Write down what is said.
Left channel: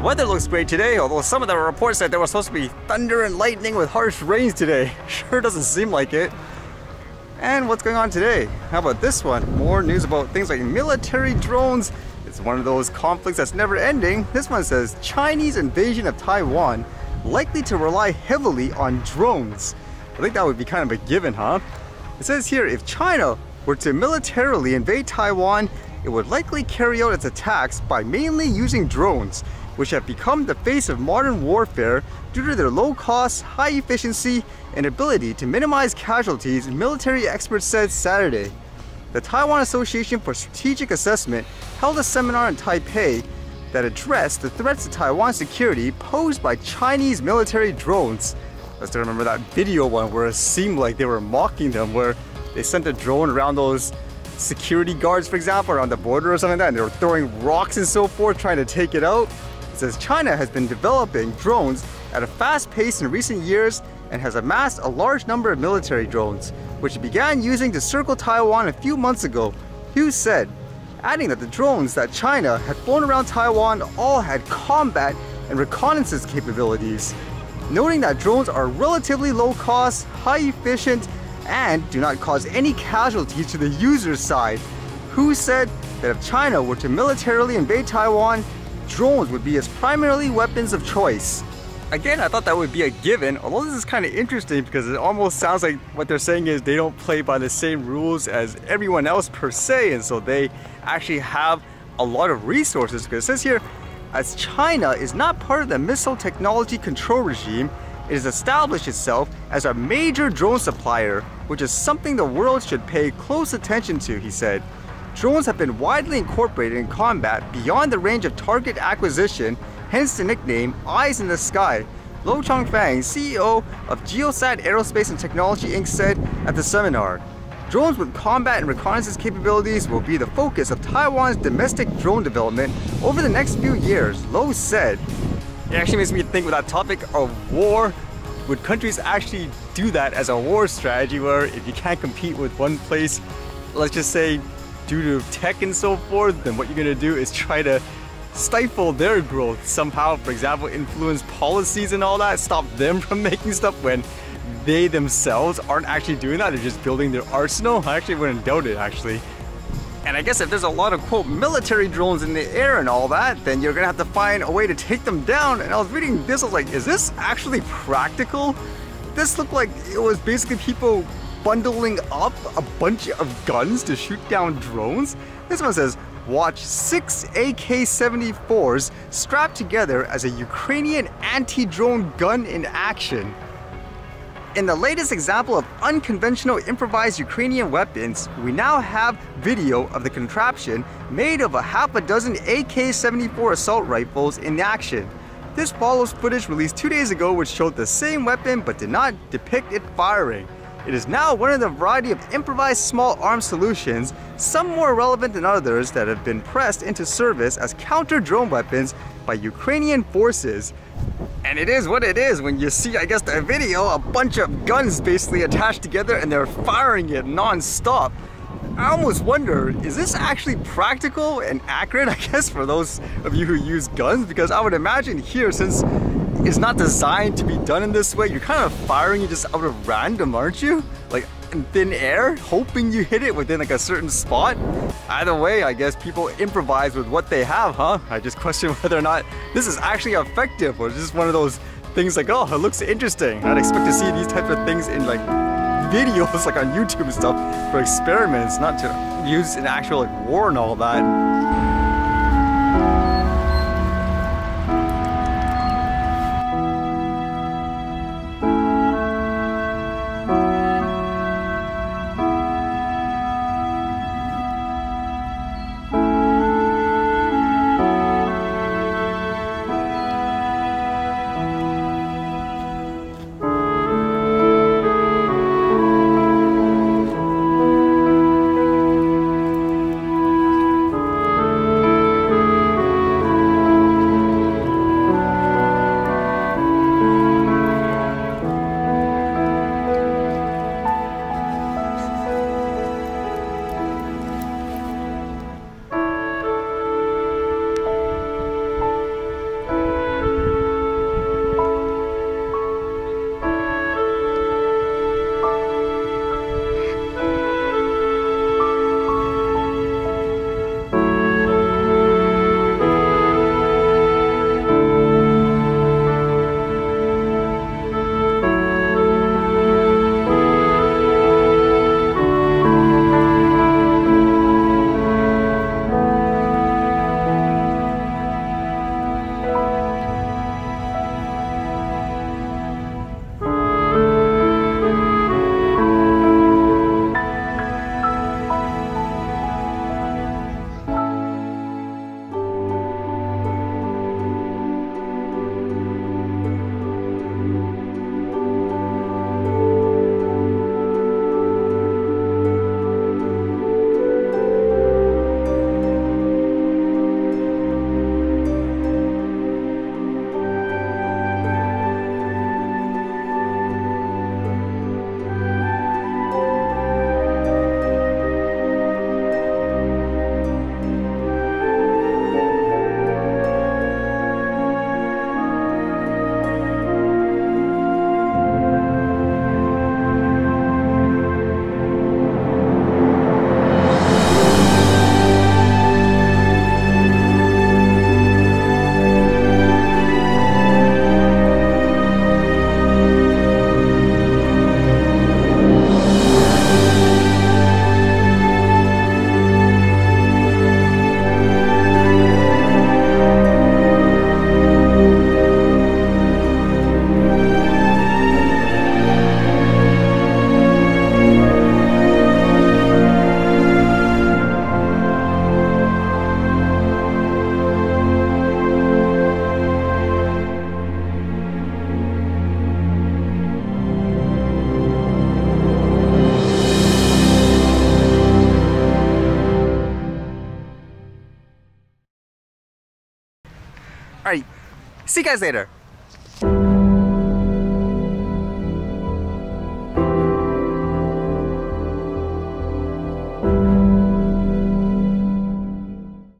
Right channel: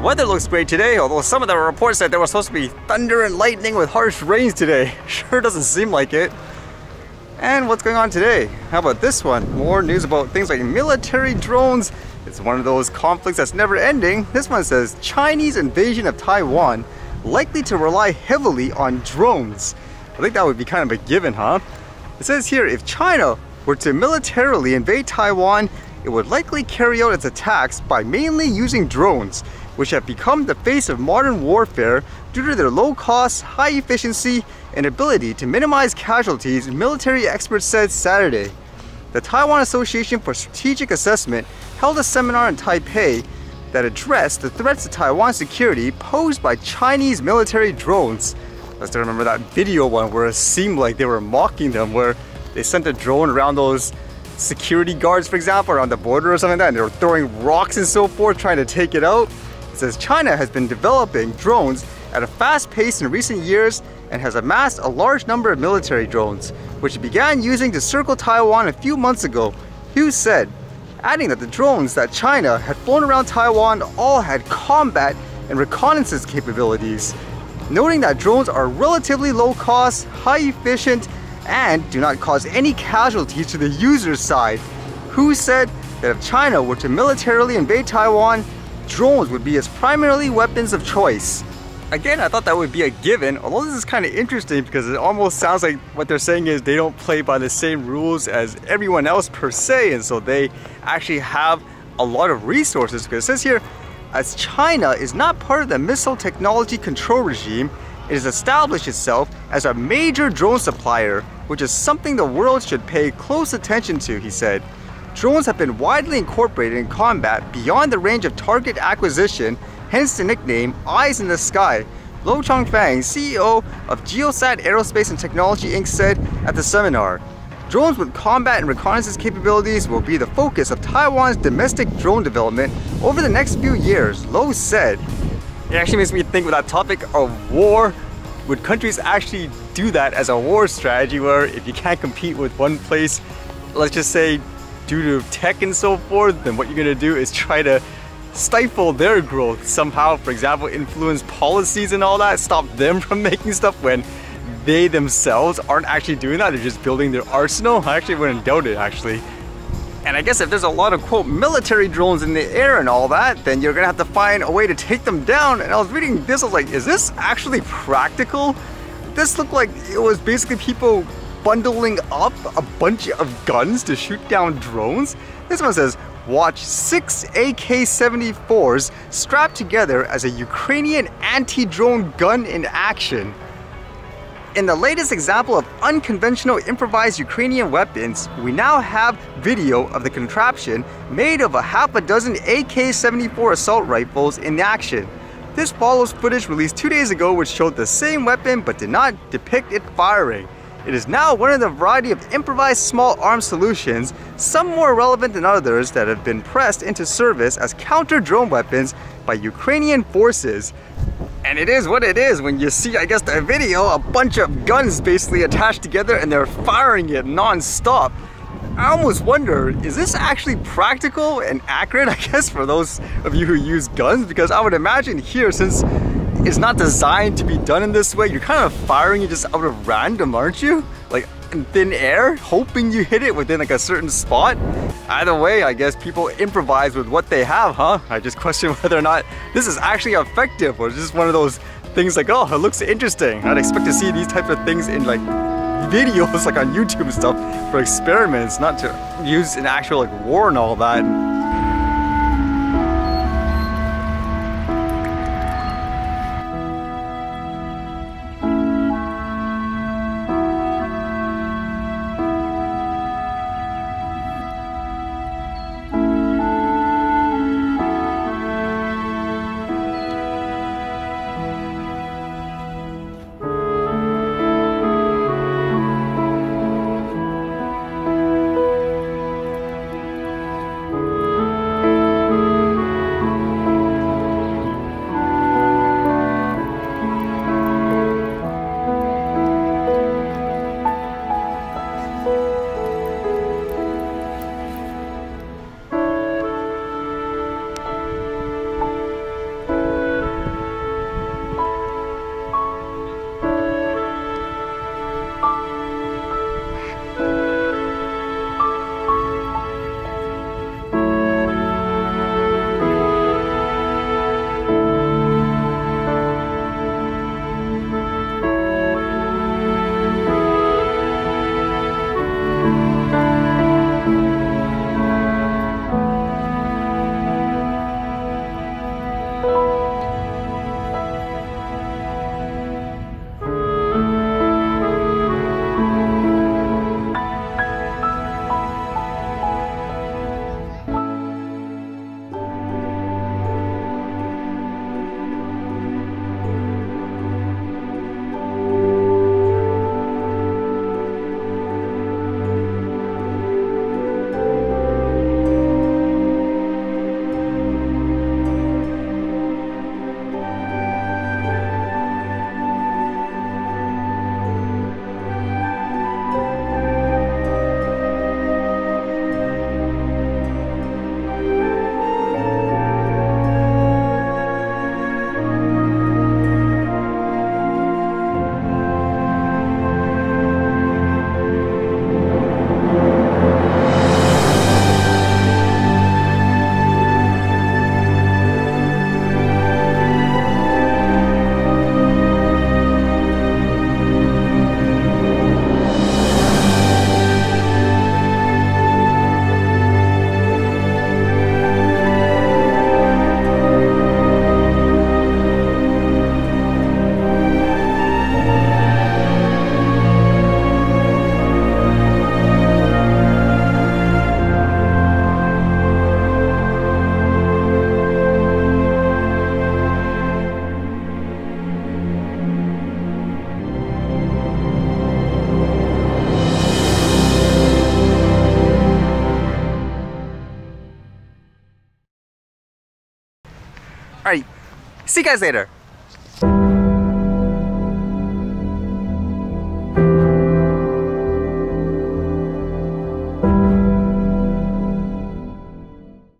The weather looks great today, although some of the reports said there was supposed to be thunder and lightning with harsh rains today. Sure doesn't seem like it. And what's going on today? How about this one? More news about things like military drones. It's one of those conflicts that's never ending. This one says Chinese invasion of Taiwan likely to rely heavily on drones. I think that would be kind of a given, huh? It says here, if China were to militarily invade Taiwan, it would likely carry out its attacks by mainly using drones, which have become the face of modern warfare due to their low cost, high efficiency, and ability to minimize casualties, military experts said Saturday. The Taiwan Association for Strategic Assessment held a seminar in Taipei that addressed the threats to Taiwan's security posed by Chinese military drones. I still remember that video one where it seemed like they were mocking them, where they sent a drone around those security guards, for example, around the border or something like that, and they were throwing rocks and so forth, trying to take it out. It says China has been developing drones at a fast pace in recent years and has amassed a large number of military drones, which it began using to circle Taiwan a few months ago, Hughes said, adding that the drones that China had flown around Taiwan all had combat and reconnaissance capabilities, noting that drones are relatively low cost, high efficient, and do not cause any casualties to the user's side. Hughes said that if China were to militarily invade Taiwan, drones would be its primarily weapons of choice. Again, I thought that would be a given, although this is kind of interesting because it almost sounds like what they're saying is they don't play by the same rules as everyone else per se, and so they actually have a lot of resources. Because it says here, as China is not part of the missile technology control regime, it has established itself as a major drone supplier, which is something the world should pay close attention to, he said. Drones have been widely incorporated in combat beyond the range of target acquisition, hence the nickname Eyes in the Sky. Lo Chongfang, CEO of Geosat Aerospace and Technology Inc. said at the seminar, drones with combat and reconnaissance capabilities will be the focus of Taiwan's domestic drone development over the next few years, Lo said. It actually makes me think with that topic of war. Would countries actually do that as a war strategy where if you can't compete with one place, let's just say due to tech and so forth, then what you're gonna do is try to stifle their growth somehow, for example, influence policies and all that, stop them from making stuff when they themselves aren't actually doing that, they're just building their arsenal? I actually wouldn't doubt it, actually. And I guess if there's a lot of, quote, military drones in the air and all that, then you're gonna have to find a way to take them down. And I was reading this, I was like, is this actually practical? This looked like it was basically people bundling up a bunch of guns to shoot down drones. This one says, watch 6 AK-74s strapped together as a Ukrainian anti-drone gun in action. In the latest example of unconventional improvised Ukrainian weapons, we now have video of the contraption made of a half a dozen AK-74 assault rifles in action. This follows footage released 2 days ago which showed the same weapon but did not depict it firing. It is now one of the variety of improvised small arms solutions, some more relevant than others, that have been pressed into service as counter-drone weapons by Ukrainian forces. And it is what it is when you see, I guess, the video, a bunch of guns basically attached together and they're firing it non-stop. I almost wonder, is this actually practical and accurate, I guess, for those of you who use guns? Because I would imagine here, since it's not designed to be done in this way, you're kind of firing it just out of random, aren't you? Like in thin air, hoping you hit it within like a certain spot. Either way, I guess people improvise with what they have, huh? I just question whether or not this is actually effective, or is this one of those things like, oh, it looks interesting. I'd expect to see these types of things in like videos like on YouTube and stuff for experiments, not to use in actual like war and all that. See you guys later.